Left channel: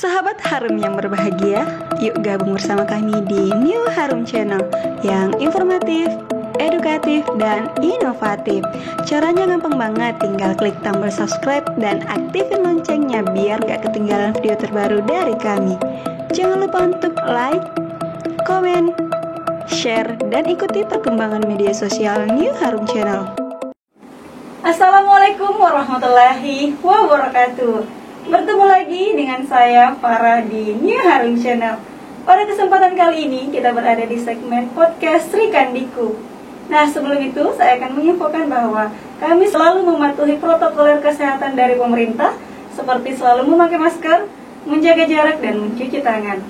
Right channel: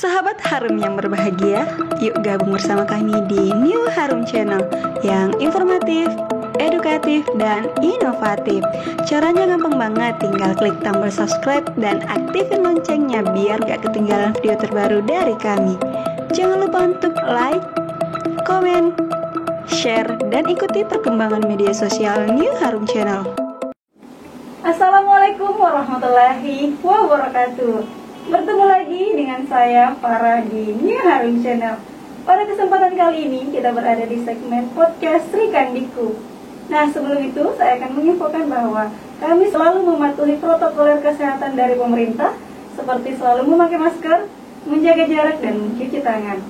Sahabat Harum yang berbahagia, yuk gabung bersama kami di New Harum Channel yang informatif, edukatif, dan inovatif. Caranya gampang banget, tinggal klik tombol subscribe dan aktifin loncengnya biar gak ketinggalan video terbaru dari kami. Jangan lupa untuk like, komen, share, dan ikuti perkembangan media sosial New Harum Channel. Assalamualaikum warahmatullahi wabarakatuh. Bertemu lagi dengan saya Farah di New Harum Channel. Pada kesempatan kali ini kita berada di segmen podcast Sri Kandiku. Nah, sebelum itu saya akan menginfokan bahwa kami selalu mematuhi protokol kesehatan dari pemerintah, seperti selalu memakai masker, menjaga jarak, dan mencuci tangan.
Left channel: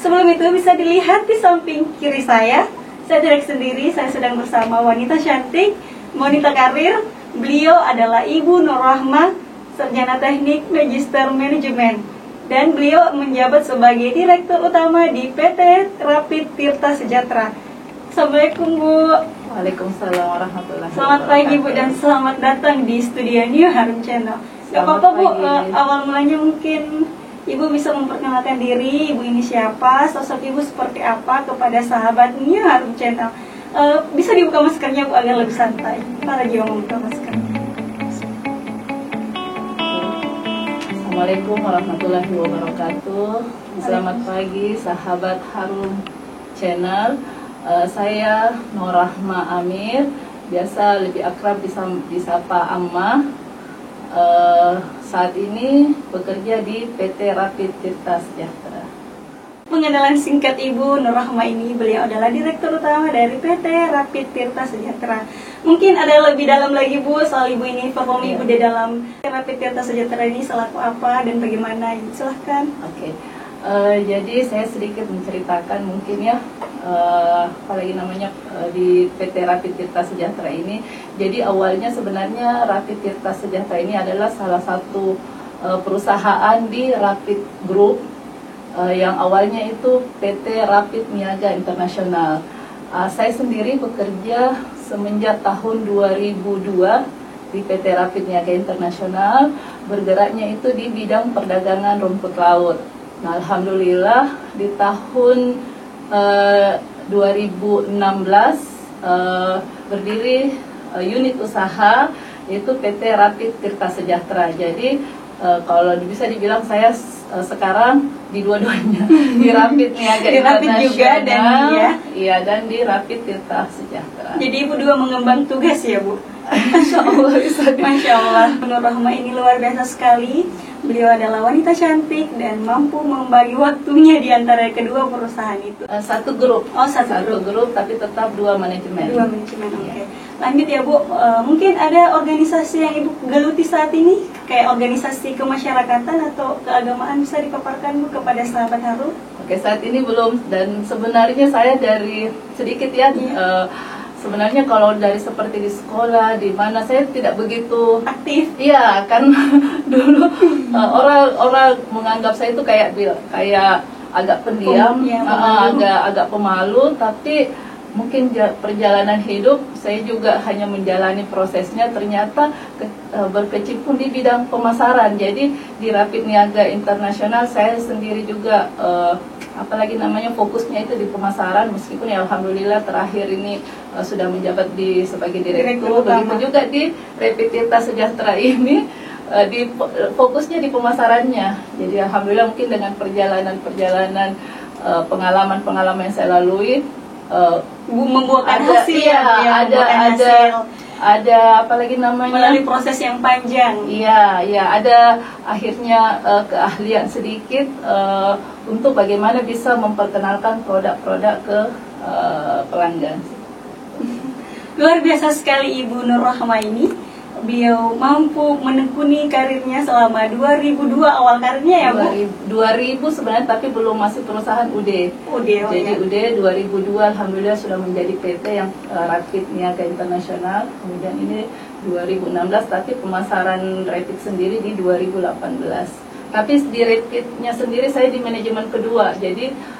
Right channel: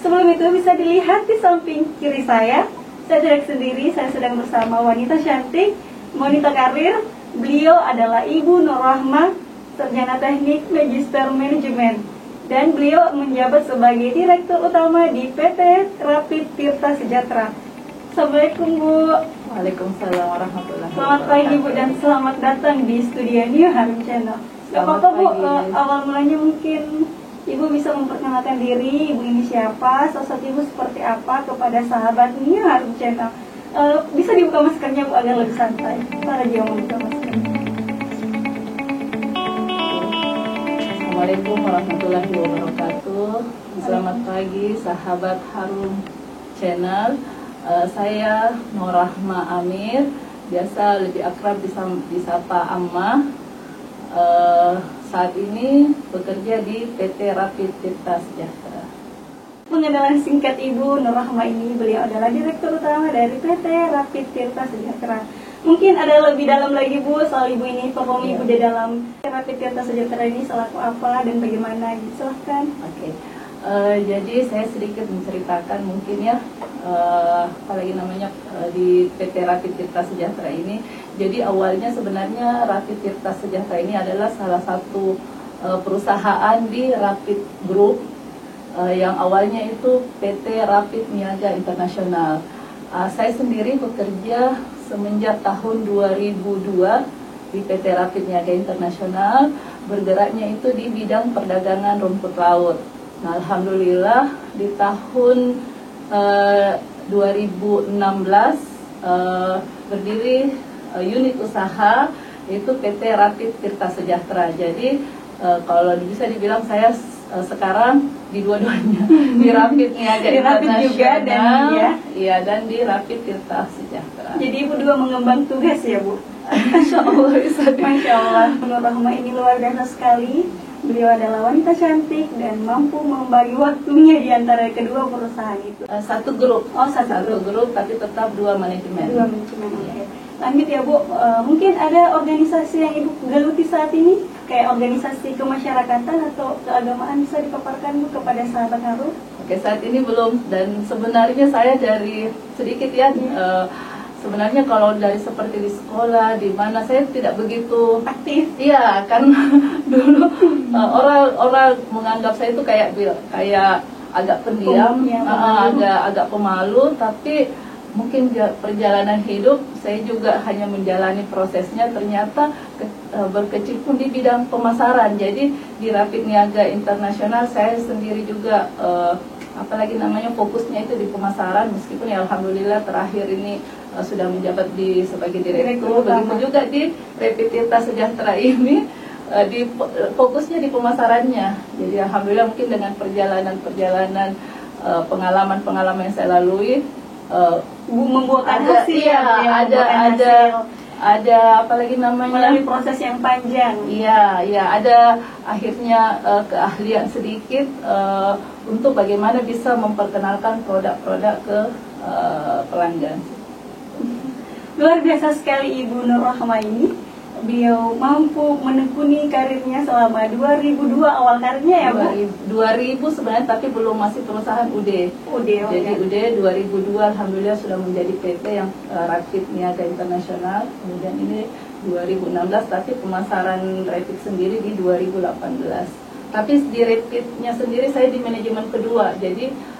Sebelum itu bisa dilihat di samping kiri saya tidak sendiri, saya sedang bersama wanita cantik, wanita karir. Beliau adalah Ibu Nur Rahma, Sarjana Teknik Magister Manajemen, dan beliau menjabat sebagai Direktur Utama di PT Rapid Tirta Sejahtera. Assalamualaikum Bu. Waalaikumsalam warahmatullahi wabarakatuh. Selamat pagi Bu, dan selamat datang di studio New Harum Channel. Gak apa-apa Bu, awal mulanya mungkin Ibu bisa memperkenalkan diri, Ibu ini siapa, sosok Ibu seperti apa kepada sahabat New Harum Channel. Bisa dibuka maskernya Bu agar lebih santai. Para jiwa membuka masker. Assalamualaikum warahmatullahi wabarakatuh. Selamat pagi sahabat Harum Channel. Saya Nur Rahma Amir, biasa lebih akrab disapa Amma. Saat ini bekerja di PT Rapid Tirta Sejahtera. Pengenalan singkat Ibu Nur Rahma ini, beliau adalah Direktur Utama dari PT Rapid Tirta Sejahtera. Mungkin ada lebih dalam lagi Bu soal Ibu ini, performa Ibu di dalam Rapid Tirta Sejahtera ini selaku apa dan bagaimana? Silahkan. Oke. Jadi saya sedikit menceritakan mungkin ya, apalagi namanya di PT Rapid Tirta Sejahtera ini. Jadi awalnya sebenarnya Rapid Tirta Sejahtera ini adalah salah satu perusahaan di Rapid Group, yang awalnya itu PT Rapid Niaga Internasional. Saya sendiri bekerja semenjak tahun 2002 di PT Rapid Niaga Internasional, bergeraknya itu di bidang perdagangan rumput laut. Nah, alhamdulillah di tahun 2016 berdiri unit usaha yaitu PT Rapid Tirta Sejahtera. Jadi kalau bisa dibilang saya sekarang di dua-duanya, di Rapid Niaga Internasional juga dan di Rapid Tirta Sejahtera. Jadi Ibu dua mengembang tugas ya Bu. Masya Allah, Masya Allah. Nur Rahma ini luar biasa sekali. Beliau adalah wanita cantik dan mampu membagi waktunya di antara kedua perusahaan itu. Satu grup. Oh, satu grup, tapi tetap dua manajemen. Dua manajemen, oke. Lanjut ya Bu, mungkin ada organisasi yang Ibu geluti saat ini, kayak organisasi kemasyarakatan atau keagamaan, bisa dipaparkan Bu kepada sahabat Harum? Oke, saat ini belum, dan sebenarnya saya dari sedikit ya. Sebenarnya kalau dari seperti di sekolah, di mana saya tidak begitu aktif. Iya, kan dulu orang menganggap saya itu kayak agak pendiam, agak pemalu, tapi mungkin perjalanan hidup saya juga hanya menjalani prosesnya, ternyata berkecimpung di bidang pemasaran. Jadi di Rapid Niaga Internasional saya sendiri juga apalagi namanya fokusnya itu di pemasaran, meskipun ya alhamdulillah terakhir ini sudah menjabat sebagai direktur. Begitu juga di Rapid Tirta Sejahtera ini fokusnya di pemasarannya. Jadi alhamdulillah mungkin dengan perjalanan pengalaman yang saya lalui membuahkan hasil, ada apalagi namanya melalui proses yang panjang. Iya, ada akhirnya keahlian sedikit untuk bagaimana bisa memperkenalkan produk-produk ke pelanggan. Luar biasa sekali Ibu Nur Rahma ini. Beliau mampu menekuni karirnya selama 2002 awal karirnya ya Bu? 2000 sebenarnya, tapi belum, masih perusahaan UD. Jadi UD 2002 alhamdulillah sudah menjadi PT yang Rapid Niaga Internasional. Kemudian ini 2016, tapi pemasaran Rapid sendiri di 2018. Tapi di Rapidnya sendiri saya di manajemen kedua. Jadi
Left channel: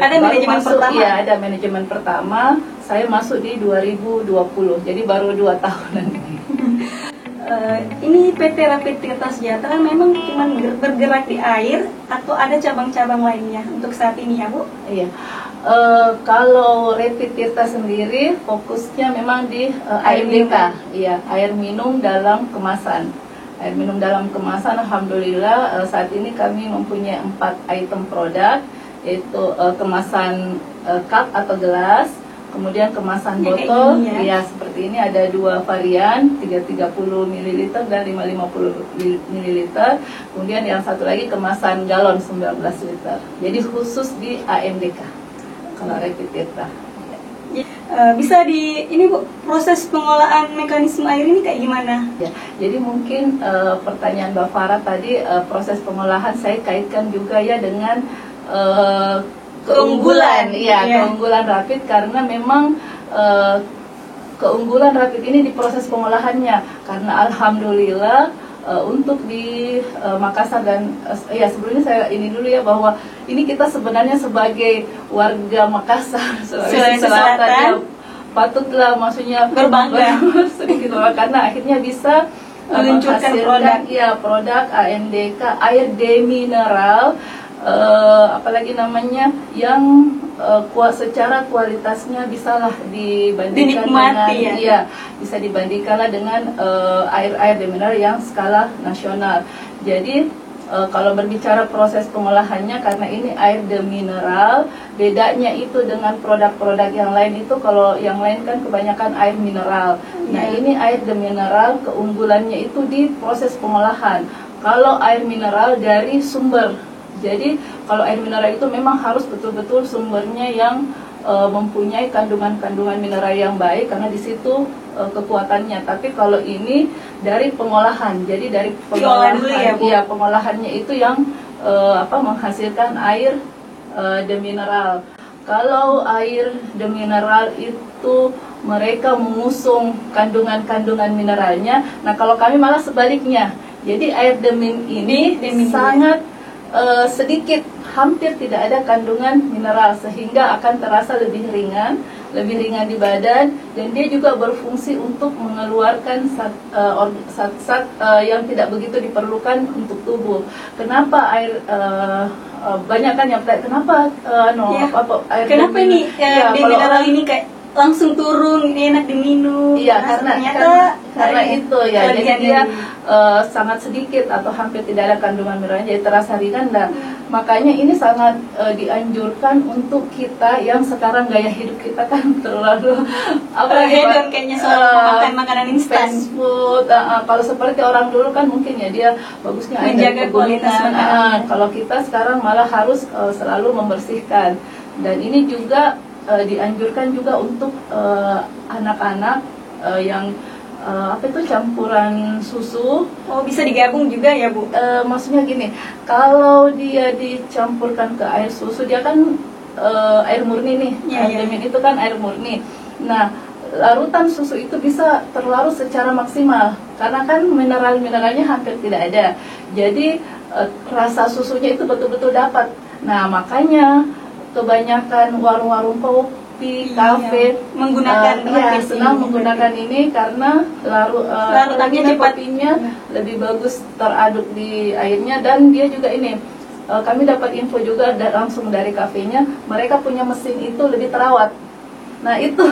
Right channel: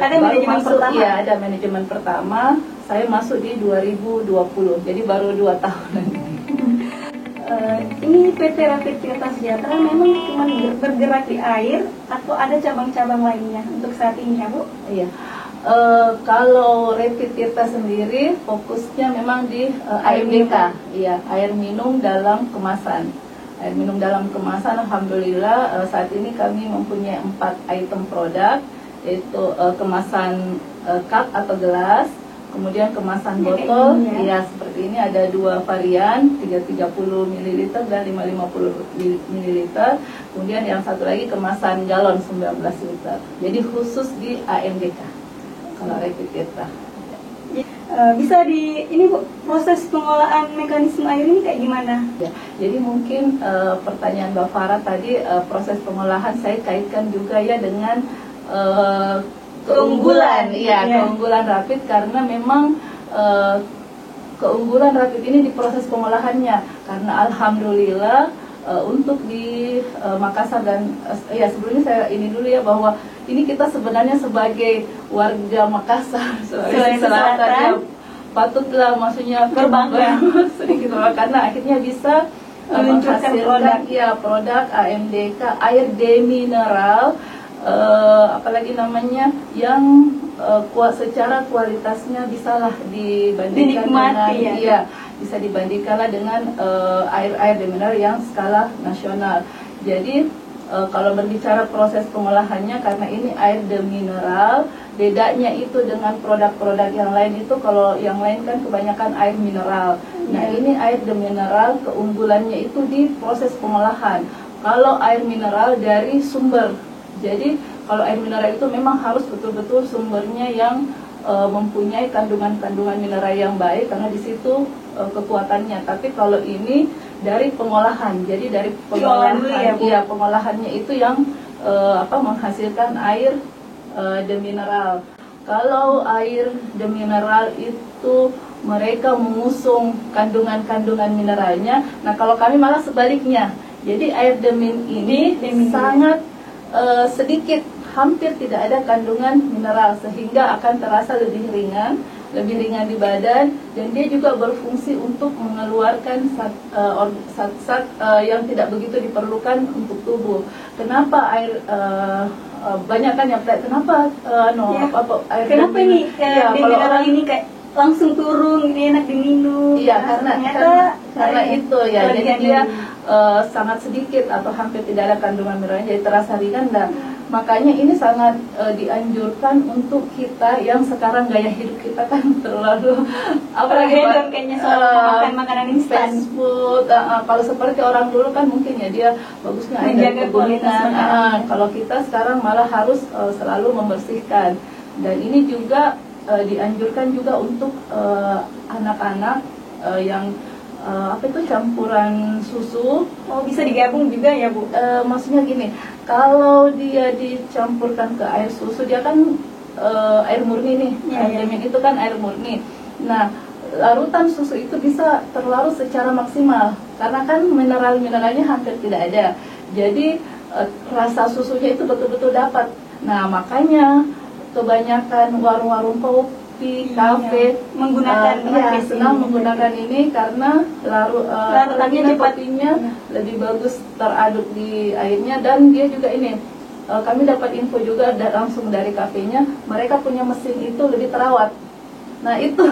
ada manajemen pertama? Iya, ada manajemen pertama. Saya masuk di 2020, jadi baru 2 tahunan. Ini PT Rapid Tirta Sejahtera memang cuma bergerak di air atau ada cabang-cabang lainnya untuk saat ini ya Bu? Iya. Kalau Rapid Tirta sendiri fokusnya memang di AMDK, iya, air minum dalam kemasan. Air minum dalam kemasan, alhamdulillah saat ini kami mempunyai 4 item produk, yaitu kemasan cup atau gelas, kemudian kemasan botol, ya seperti ini ada 2 varian, 330 ml dan 550 ml. Kemudian yang satu lagi kemasan galon 19 liter. Jadi khusus di AMDK kalau Rapid Tirta. Bisa ini Bu, proses pengolahan mekanisme air ini kayak gimana? Ya, jadi mungkin pertanyaan Mbak Farah tadi, proses pengolahan saya kaitkan juga ya dengan keunggulan, keunggulan Rapid, karena memang keunggulan Rapid ini di proses pengolahannya, karena alhamdulillah untuk di Makassar dan ya sebelumnya saya ini dulu ya, bahwa ini kita sebenarnya sebagai warga Makassar Sulawesi Selatan ya, patutlah maksudnya berbangga sedikit karena akhirnya bisa meluncurkan produk AMDK air demineral, apalagi namanya yang secara kualitasnya bisalah dibandingkan dinikmati, dengan bisa dibandingkanlah dengan air demineral yang skala nasional. Jadi kalau berbicara proses pengolahannya, karena ini air demineral, bedanya itu dengan produk-produk yang lain itu, kalau yang lain kan kebanyakan air mineral. Nah ini air demineral, keunggulannya itu di proses pengolahan. Kalau air mineral dari sumber, jadi kalau air mineral itu memang harus betul-betul sumbernya yang mempunyai kandungan-kandungan mineral yang baik, karena di situ kekuatannya. Tapi kalau ini dari pengolahan, jadi dari pengolahan, pengolahannya itu yang menghasilkan air demineral. Kalau air demineral itu mereka mengusung kandungan-kandungan mineralnya. Nah kalau kami malah sebaliknya, jadi air demin ini sangat sedikit, hampir tidak ada kandungan mineral, sehingga akan terasa lebih ringan di badan, dan dia juga berfungsi untuk mengeluarkan zat-zat yang tidak begitu diperlukan untuk tubuh. Kenapa air banyak kan yang kenapa air kenapa ini mineral ini kayak langsung turun, ini enak diminum? Iya, karena itu ya, jadi dia sangat sedikit atau hampir tidak ada kandungan mineralnya, jadi terasa ringan. Makanya ini sangat dianjurkan untuk kita yang sekarang gaya hidup kita kan terlalu hedon kayaknya soal makan makanan instan, fast food. Kalau seperti orang dulu kan mungkin ya dia bagusnya menjaga kualitas makanan. Kalau kita sekarang malah harus selalu membersihkan, dan ini juga dianjurkan juga untuk anak-anak yang campuran susu. Oh, bisa digabung juga ya Bu? Maksudnya gini, kalau dia dicampurkan ke air susu, dia kan air murni nih, demin itu kan air murni. Nah, larutan susu itu bisa terlarut secara maksimal, karena kan mineral-mineralnya hampir tidak ada. Jadi rasa susunya itu betul-betul dapat. Nah, makanya kebanyakan warung-warung kopi, kafe menggunakan senang menggunakan ini, karena larutannya kopinya lebih bagus teraduk di airnya. Dan dia juga ini, kami dapat info juga langsung dari kafenya, mereka punya mesin itu lebih terawat. Nah itu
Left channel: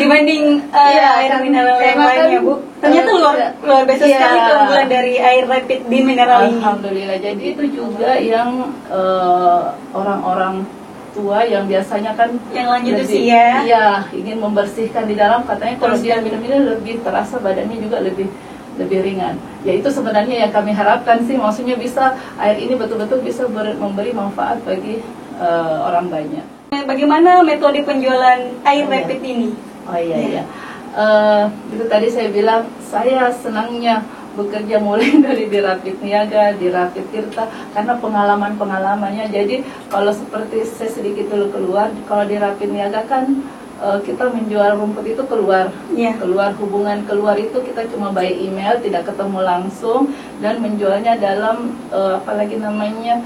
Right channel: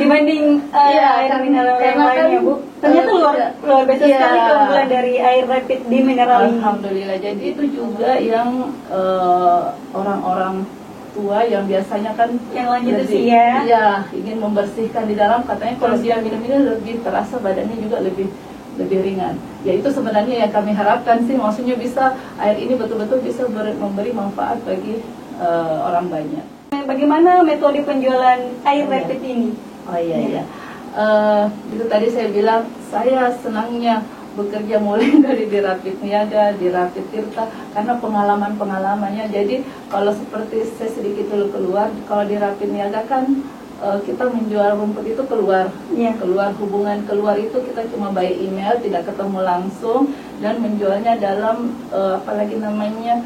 dibanding air mineral yang lainnya Bu, ternyata luar biasa sekali keunggulan dari air Rapid di mineral ini. Alhamdulillah. Jadi itu juga yang orang-orang tua yang biasanya kan yang lanjut usia, ingin membersihkan di dalam, katanya kalau dia minum ini lebih terasa badannya juga lebih ringan. Ya itu sebenarnya yang kami harapkan sih, maksudnya bisa air ini betul-betul bisa memberi manfaat bagi orang banyak. Bagaimana metode penjualan air Rapid ini? Itu tadi saya bilang, saya senangnya bekerja mulai dari di Rapid Niaga, di Rapid Tirta, karena pengalamannya. Jadi kalau seperti saya sedikit dulu keluar, kalau di Rapid Niaga kan kita menjual rumput itu keluar hubungan keluar itu kita cuma by email, tidak ketemu langsung, dan menjualnya dalam apalagi namanya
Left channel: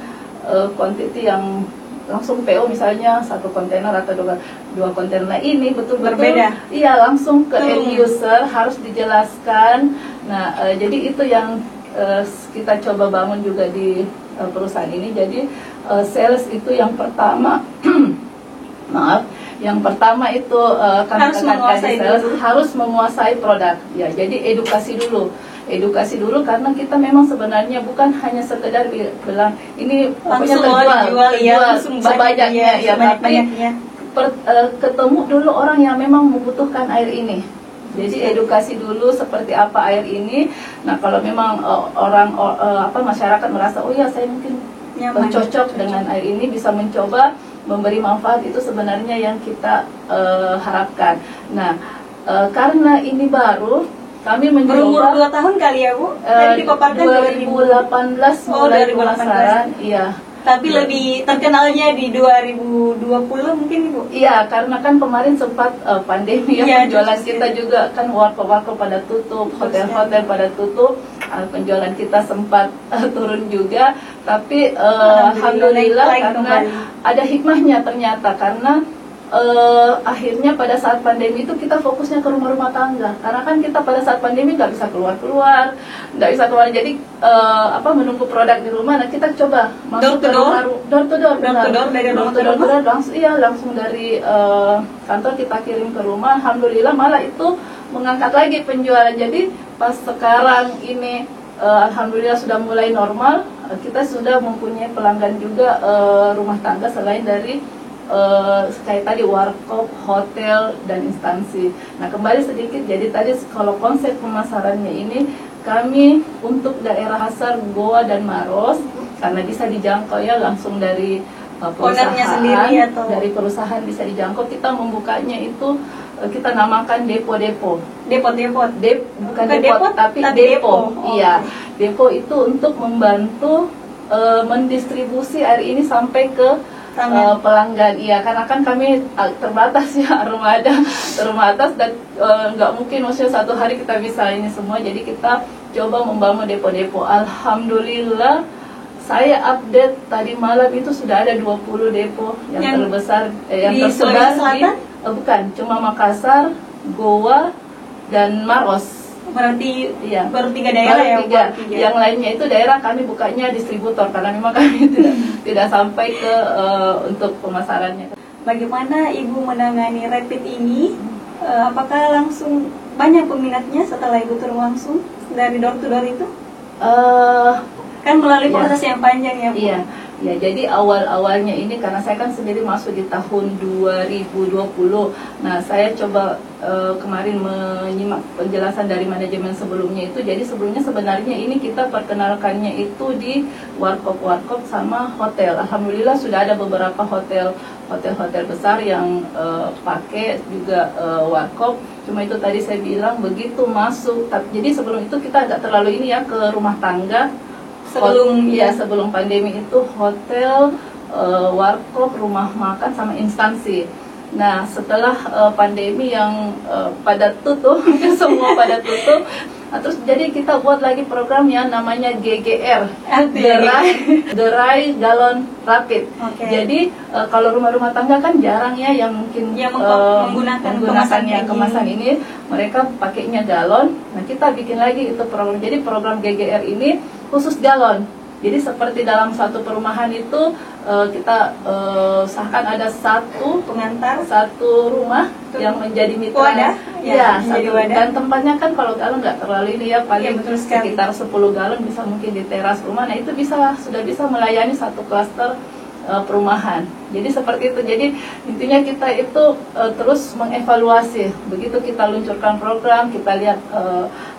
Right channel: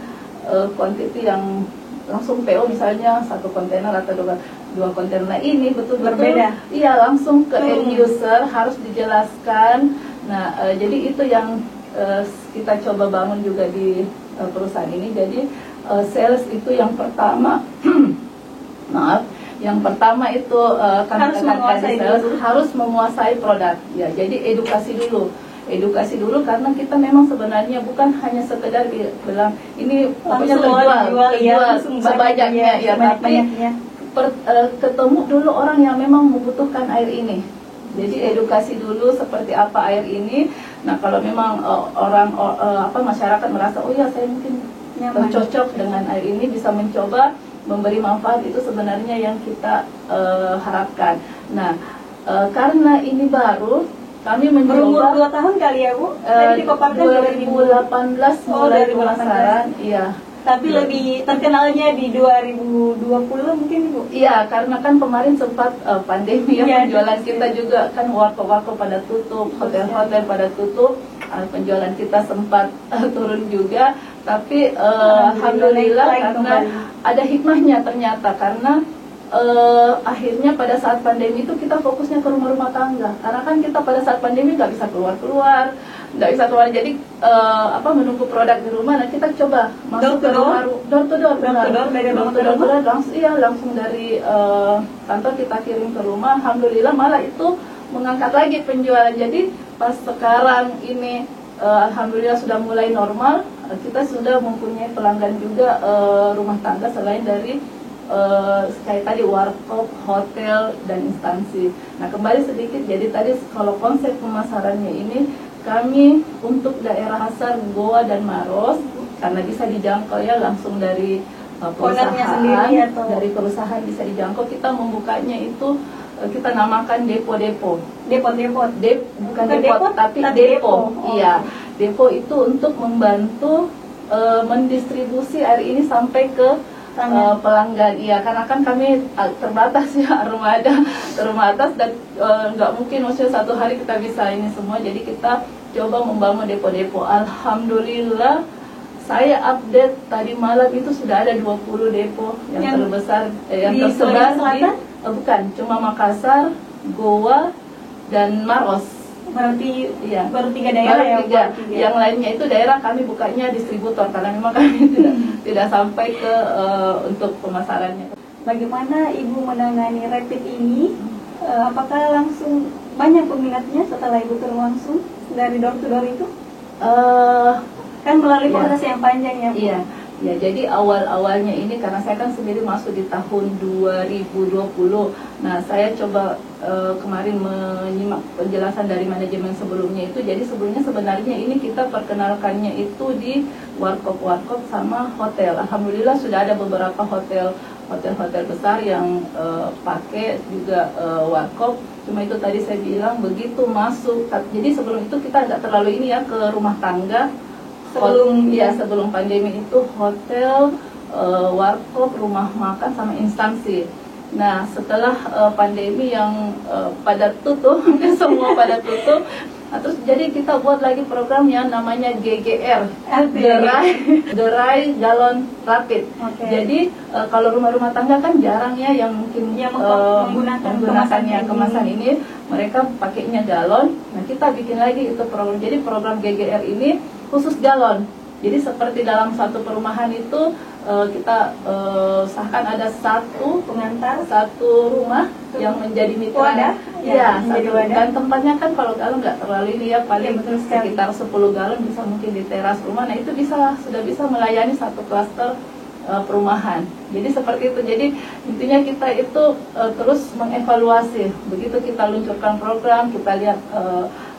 quantity yang langsung PO misalnya 1 kontainer atau 2 kontainer. Nah, ini betul-betul berbeda. Iya, langsung ke end user, harus dijelaskan. Nah, jadi itu yang kita coba bangun juga di perusahaan ini. Jadi sales itu yang pertama maaf, yang pertama itu kami tekankan di sales harus menguasai produk. Ya, jadi edukasi dulu karena kita memang sebenarnya bukan hanya sekedar bilang ini pokoknya terjual sebanyaknya ya, tapi ketemu dulu orang yang memang membutuhkan air ini. Jadi edukasi dulu seperti apa air ini. Nah, kalau memang masyarakat merasa oh ya saya mungkin cocok dengan air ini, bisa mencoba memberi manfaat, itu sebenarnya yang kita harapkan. Nah, karena ini baru, kami mencoba berumur 2 tahun kali ya Bu? Tadi dipaparkan 2018 mulai pemasaran, iya. Tapi lebih terkenalnya di 2020 mungkin Bu? Iya, karena kan kemarin sempat pandemi ya, penjualan kita juga kan warkop pada tutup, hotel-hotel pada tutup, penjualan kita sempat turun juga. Tapi alhamdulillah karena ada hikmahnya ternyata, karena akhirnya pada saat pandemi itu kita fokusnya ke rumah-rumah tangga, karena kan kita pada saat pandemi nggak bisa keluar, jadi menunggu produk di rumah. Nah, kita coba masuk ke rumah, door to door, langsung dari kantor kita kirim ke rumah. Alhamdulillah malah itu mengangkat lagi penjualan. Jadi pas sekarang ini alhamdulillah sudah mulai normal, kita sudah mempunyai pelanggan juga rumah tangga selain dari kayak tadi warkop, hotel, dan instansi. Nah, kembali sedikit, jadi tadi kalau konsep pemasarannya ini kami untuk daerah Hasar, Goa, dan Maros, karena bisa dijangkau ya langsung dari perusahaan bisa dijangkau. Kita membukanya itu kita namakan depo-depo. Bukan depot, tapi depo. Iya, depo itu untuk membantu mendistribusi air ini sampai ke pelanggan. Iya, karena kan kami terbatas ya, rumah atas dan nggak mungkin maksudnya satu hari kita bisa ini semua. Jadi kita coba membangun depo-depo. Alhamdulillah saya update tadi malam itu sudah ada 20 depo yang terbesar yang tersebar di bukan cuma Makassar, Goa, dan Maros. Berarti baru 3 daerah ya? Yang lainnya itu daerah kami bukanya distributor, karena memang kami tidak sampai ke untuk pemasarannya. Bagaimana Ibu menangani rapid ini? Apakah langsung banyak peminatnya setelah Ibu turun langsung dari door to door itu? Kan melalui proses yang panjang ya Bu? Ya, jadi awal-awalnya ini karena saya kan sendiri masuk di tahun 2020. Nah, saya coba kemarin menyimak penjelasan dari manajemen sebelumnya itu. Jadi sebelumnya sebenarnya ini kita perkenalkannya itu di warkop sama hotel. Alhamdulillah sudah ada beberapa hotel besar yang pakai juga warkop. Cuma itu tadi saya bilang begitu masuk. Jadi sebelum itu kita nggak terlalu ini ya ke rumah tangga. Sebelum pandemi itu hotel, warkop, rumah makan, sama instansi. Nah, setelah pandemi yang pada tutup, semua pada tutup, terus jadi kita buat lagi program yang namanya GGR, Gerai Galon Rapid. Jadi kalau rumah-rumah tangga kan jarang ya yang mungkin menggunakan kemasan ini, mereka pakainya galon. Nah, kita bikin lagi itu program. Jadi program GGR ini khusus galon. Jadi seperti dalam satu perumahan itu kita usahakan ada satu rumah yang menjadi mitra. Dan tempatnya kan kalau galon nggak terlalu ini ya, paling sekitar 10 galon bisa mungkin di teras rumah. Nah, itu sudah bisa melayani satu klaster perumahan. Jadi seperti itu. Jadi intinya kita itu terus mengevaluasi. Begitu kita luncurkan program, kita lihat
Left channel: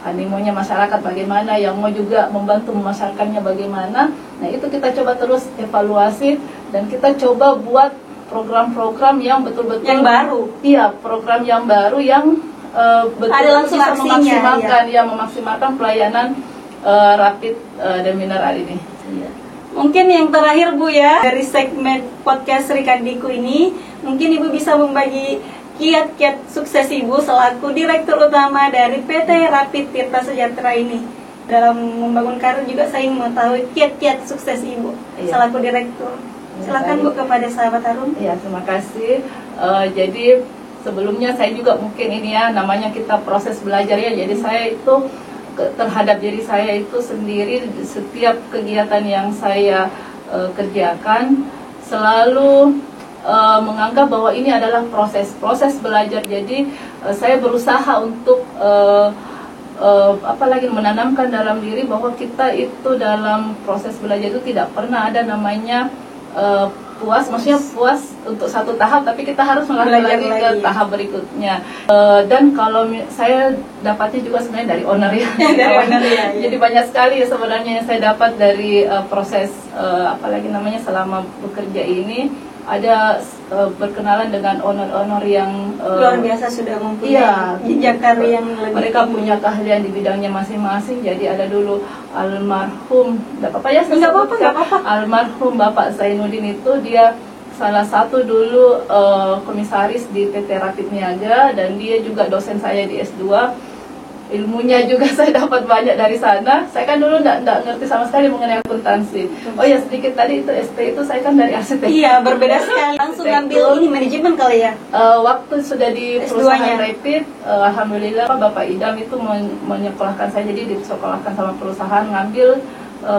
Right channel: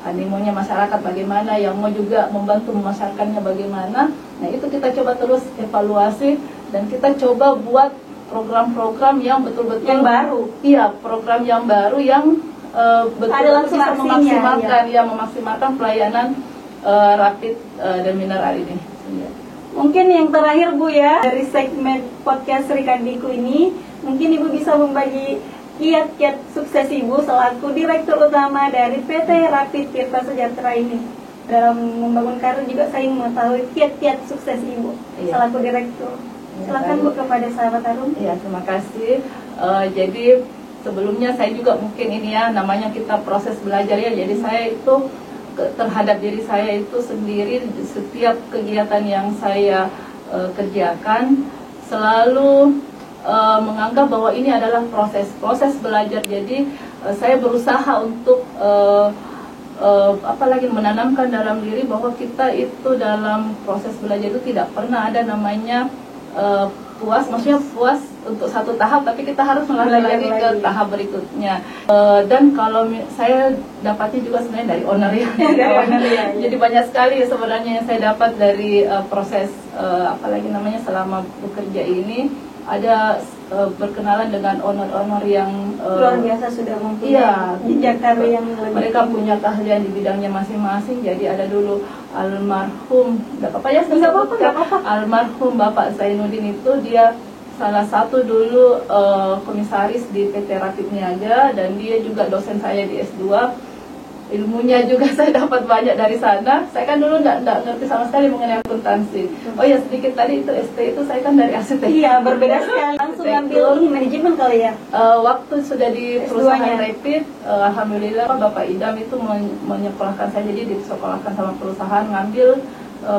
animonya masyarakat bagaimana, yang mau juga membantu memasarkannya bagaimana. Nah, itu kita coba terus evaluasi dan kita coba buat program-program yang betul-betul yang baru. Iya, program yang baru yang betul-betul bisa memaksimalkan pelayanan rapid dan mineral ini. Iya. Mungkin yang terakhir Bu ya, dari segmen podcast Sri Kandiku ini, mungkin Ibu bisa membagi kiat-kiat sukses Ibu selaku Direktur Utama dari PT Rapid Tirta Sejahtera ini. Dalam membangun karir juga saya ingin mengetahui kiat-kiat sukses Ibu selaku Direktur. Silakan Bu kepada sahabat Harum. Ya, terima kasih. Jadi sebelumnya saya juga mungkin ini ya, namanya kita proses belajar ya. Jadi saya itu terhadap diri saya itu sendiri, setiap kegiatan yang saya kerjakan selalu menganggap bahwa ini adalah proses belajar. Jadi saya berusaha untuk apalagi menanamkan dalam diri bahwa kita itu dalam proses belajar itu tidak pernah ada namanya puas, maksudnya puas untuk satu tahap, tapi kita harus melangkah lagi ke tahap berikutnya. Dan kalau saya dapatnya juga sebenarnya dari owner ya, jadi banyak sekali sebenarnya yang saya dapat dari proses apalagi namanya selama bekerja ini. Ada berkenalan dengan owner-owner yang luar biasa, sudah mempunyai jejak karir yang lebih mereka punya keahlian di bidangnya masing-masing. Jadi ada dulu almarhum, nggak apa-apa ya, almarhum Bapak Zainuddin itu dia salah satu dulu komisaris di PT Rapid Niaga, dan dia juga dosen saya di S2. Ilmunya juga saya dapat banyak dari sana. Saya kan dulu nggak ngerti sama sekali mengenai akuntansi. Oh ya, sedikit tadi itu ST itu saya kan dari arsitek. Iya, berbeda sekali. Langsung ngambil ini manajemen kali ya. Waktu sudah di perusahaan Rapid, alhamdulillah Bapak Idam itu menyekolahkan saya, jadi disekolahkan sama perusahaan ngambil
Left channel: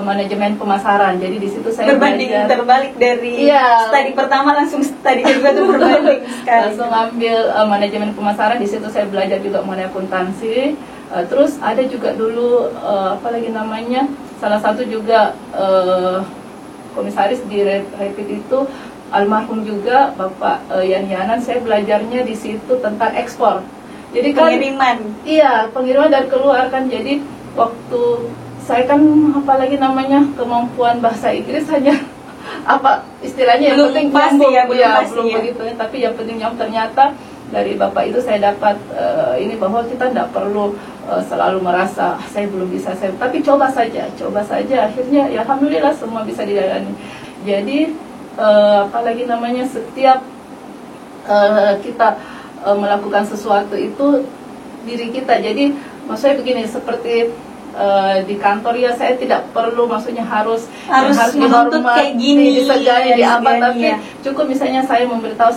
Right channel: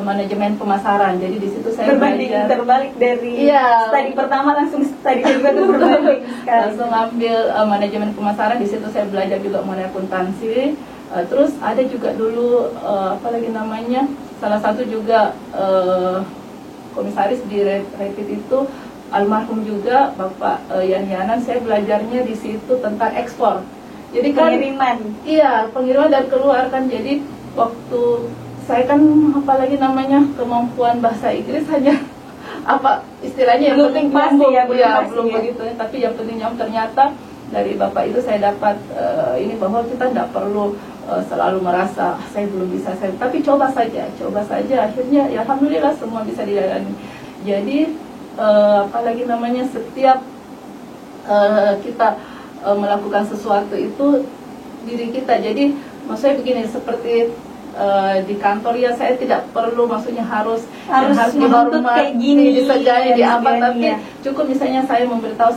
manajemen pemasaran. Jadi di situ saya berbanding terbalik dari studi pertama, langsung studi kedua itu berbanding sekali. Langsung ngambil manajemen pemasaran. Di situ saya belajar juga mengenai akuntansi. Terus ada juga dulu apalagi namanya, salah satu juga komisaris di Rapid itu almarhum juga Bapak Yan Yanan. Saya belajarnya di situ tentang ekspor. Jadi pengiriman. Iya, pengiriman dan keluar kan. Jadi waktu saya kan apalagi namanya kemampuan bahasa Inggris hanya apa istilahnya yang penting pasti ya, belum begitu. Tapi yang pentingnya ternyata dari Bapak itu saya dapat ini bahwa kita tidak perlu selalu merasa saya belum bisa, tapi coba saja. Akhirnya ya alhamdulillah semua bisa dijalani. Jadi apalagi namanya setiap kita melakukan sesuatu itu diri kita. Jadi maksudnya begini, seperti di kantor ya, saya tidak perlu maksudnya harus menuntut kayak gini, disegani, tapi cukup misalnya saya memberitahu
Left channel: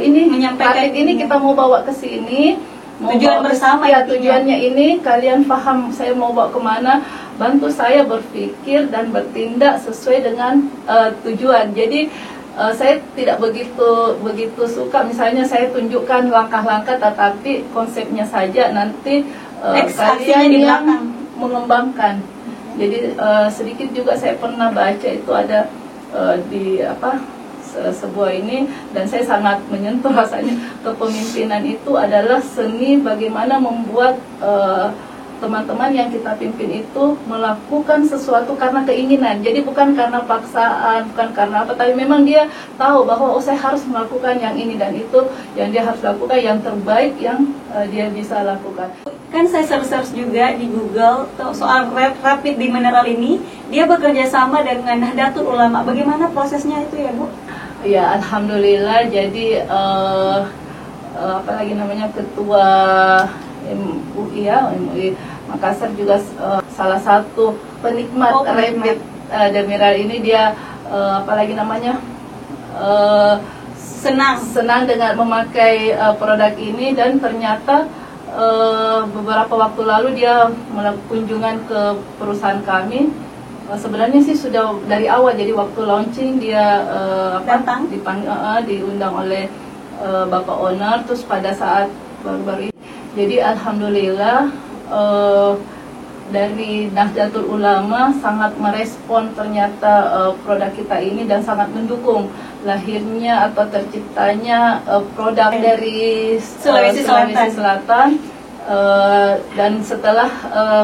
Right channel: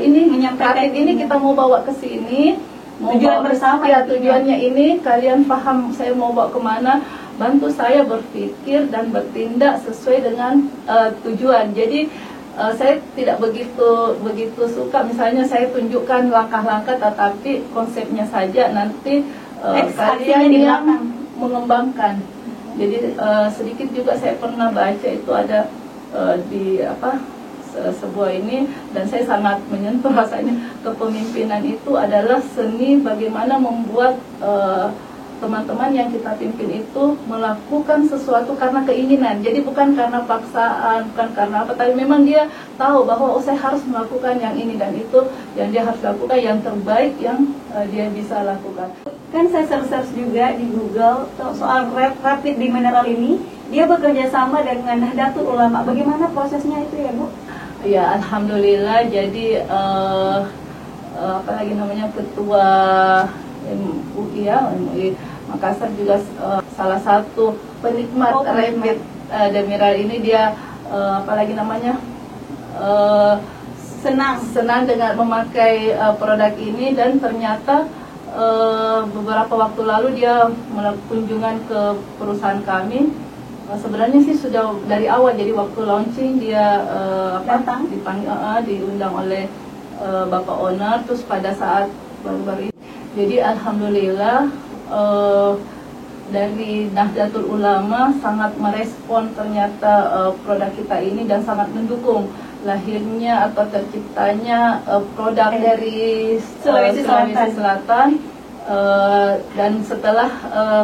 ini menyampaikan ini kita mau bawa ke sini, tujuan bersama ya, tujuannya ini kalian paham saya mau bawa kemana, bantu saya berpikir dan bertindak sesuai dengan tujuan. Jadi saya tidak begitu suka misalnya saya tunjukkan langkah-langkah, tetapi konsepnya saja, nanti kalian yang mengembangkan. Jadi sedikit juga saya pernah baca itu ada di sebuah ini, dan saya sangat menyentuh rasanya. Kepemimpinan itu adalah seni bagaimana membuat teman-teman yang kita pimpin itu melakukan sesuatu karena keinginan. Jadi bukan karena paksaan, bukan karena apa, tapi memang dia tahu bahwa saya harus melakukan yang ini dan itu yang dia harus lakukan, yang terbaik yang dia bisa lakukan. Kan saya search juga di Google soal Rapid di Mineral ini, dia bekerja sama dengan Nahdlatul Ulama. Bagaimana prosesnya itu ya Bu? Ya alhamdulillah. Jadi apalagi namanya ketua MUI ya, MUI Makassar juga salah satu penikmat Rapid Demiral ini. Dia apalagi namanya senang dengan memakai produk ini, dan ternyata beberapa waktu lalu dia melakukan kunjungan ke perusahaan kami. Sebenarnya sih sudah dari awal, jadi waktu launching dia diundang oleh Bapak Owner, terus pada saat baru-baru ini. Jadi alhamdulillah dari Nahdlatul Ulama sangat merespon ternyata produk kita ini, dan sangat mendukung lahirnya atau terciptanya produk dari Sulawesi Selatan. Dan setelah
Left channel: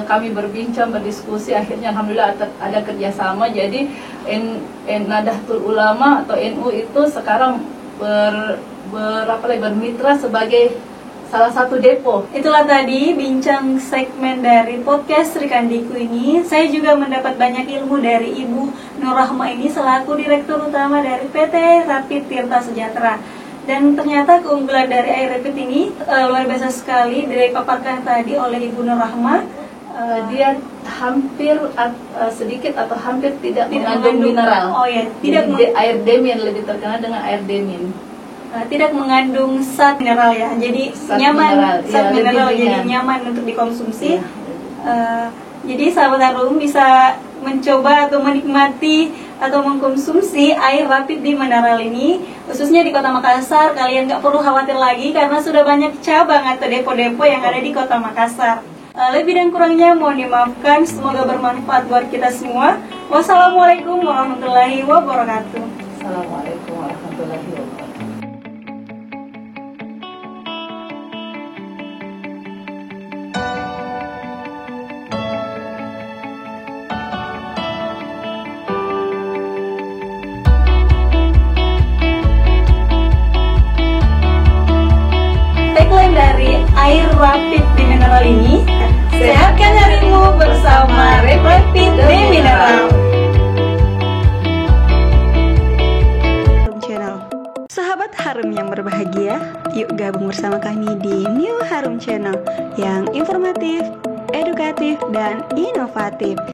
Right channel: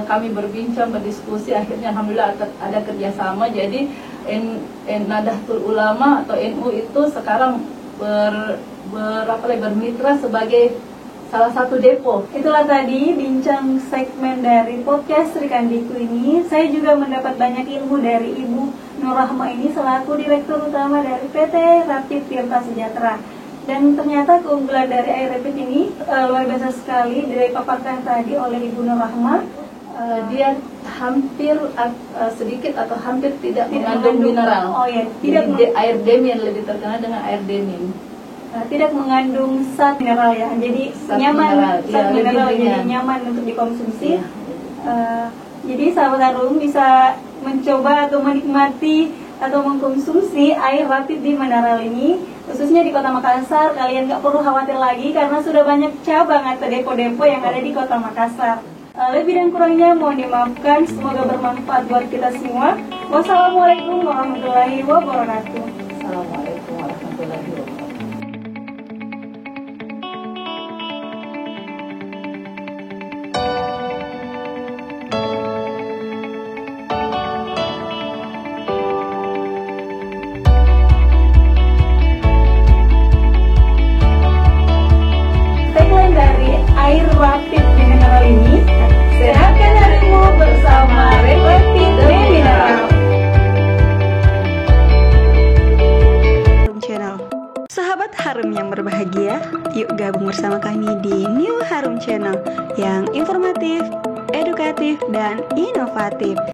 kami berbincang, berdiskusi, akhirnya alhamdulillah ada kerjasama. Jadi Nahdlatul Ulama atau NU itu sekarang bermitra sebagai salah satu depo. Itulah tadi bincang segmen dari podcast Sri Kandiku ini. Saya juga mendapat banyak ilmu dari Ibu Nur Rahma ini selaku Direktur Utama dari PT Rapid Tirta Sejahtera. Dan ternyata keunggulan dari Air Rapid ini luar biasa sekali, dipaparkan tadi oleh Ibu Nur Rahma. Dia hampir sedikit atau hampir tidak mengandung mengandung mineral. Oh ya, tidak Jadi, air demin lebih terkenal dengan air demin. tidak mengandung zat mineral ya. Jadi Zat nyaman mineral, zat ya, mineral lebih jadi ringan. nyaman untuk dikonsumsi. Iya. Jadi sahabat Harum bisa mencoba atau menikmati atau mengkonsumsi air rapid di mineral ini, khususnya di Kota Makassar. Kalian nggak perlu khawatir lagi karena sudah banyak cabang atau depo-depo yang ada di Kota Makassar. Lebih dan kurangnya mohon dimaafkan, semoga bermanfaat buat kita semua. Wassalamualaikum warahmatullahi wabarakatuh. Assalamualaikum warahmatullahi wabarakatuh. Tagline dari air rapid di mineral ini, sehatkan harimu bersama Rapid di Mineral. Harum Channel. Sahabat Harum yang berbahagia, yuk gabung bersama kami di New Harum Channel yang informatif, edukatif, dan inovatif.